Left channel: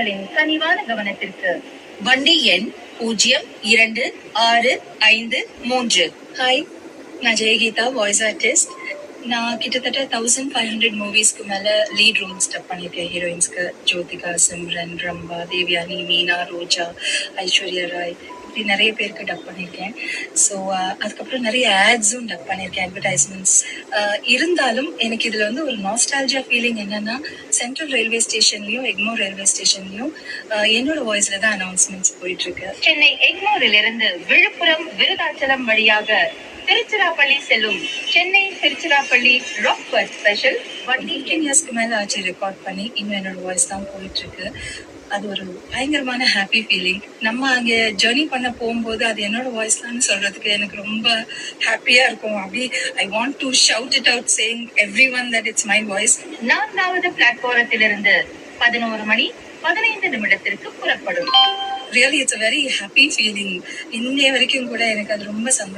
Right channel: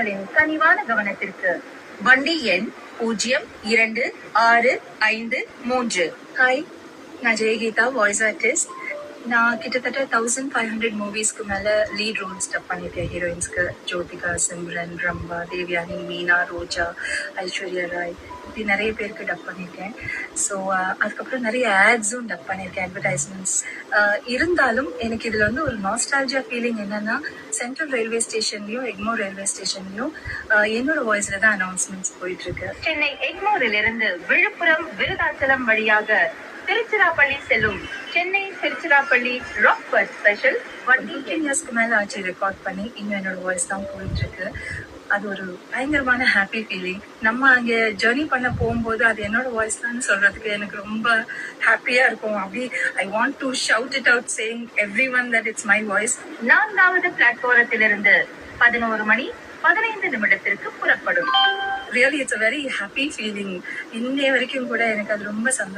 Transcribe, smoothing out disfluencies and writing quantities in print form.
உங்களின் கனிவான கவனத்திற்கு. வண்டி எண் 0265 ஹாய், நான் ஜெயகீதா, வாய்ஸ் ஆர்டிஸ்ட். நான் கிட்டத்தட்ட 1500 மூவிஸ்க்கு மேல லீட் ரோல்ஸ் டப் பண்ணியிருக்கேன். ஹீரோயின்ஸ்க்கு ஜோதிகா, சிம்ரன், ரம்பா, தேவயானி, மீனா, ரோஜா, ஐஸ்வர்யா ராய், இப்படி நிறைய பேருக்கு டப் பண்ணியிருக்கேன். ஸோ அதுக்கப்புறம் நிறைய ஆட்ஸும் டப் பண்ணியிருக்கேன், அட்வர்டைஸ்மெண்ட்ஸ். இருந்தாலும் எனக்கு இதுல வந்து ஒரு நாஸ்டாலஜியா ஃபீலிங் என்னன்னா, சென்ட்ரல் ரயில்வே ஸ்டேஷன்லயும் எக்மோர் ரயில்வே ஸ்டேஷன்லயும் என்னோட வாய்ஸ்ல தான் அனௌன்ஸ்மெண்ட்ஸ் போயிட்டு இருக்கு. சென்னை எக்மோரில் இருந்து விழுப்புரம் விருதாச்சலம் வழியாக திருச்சிராப்பள்ளி செல்லும் சென்னை திருச்சிராப்பள்ளி ராக்பர்ட் ஸ்பெஷல் வண்டி 15 இயர்ஸ்க்கு மேல ஆச்சு ரெக்கார்ட் பண்ணி. இன்னும் என்னோட வாய்ஸ் தான் போயிட்டு இருக்கு. அது ஒரு பயங்கரமான ஹாப்பி ஃபீலிங். நம்ம அங்க ஜர்னி பண்ண போகும்போது அது என்னோட வாய்ஸ் தான் சொல்றதுக்கு எனக்கு ரொம்ப ஹாப்பியா இருக்கும். அப்படி I want to shout it out saying everyone that it's my voice. 4வது பிளாட்ஃபாரத்திலிருந்து 11:15 புறப்படும். Really it's a very happy feeling. இன்னைய வரைக்கும் கூட எனக்கு அது ரொம்ப சந்தோஷம்.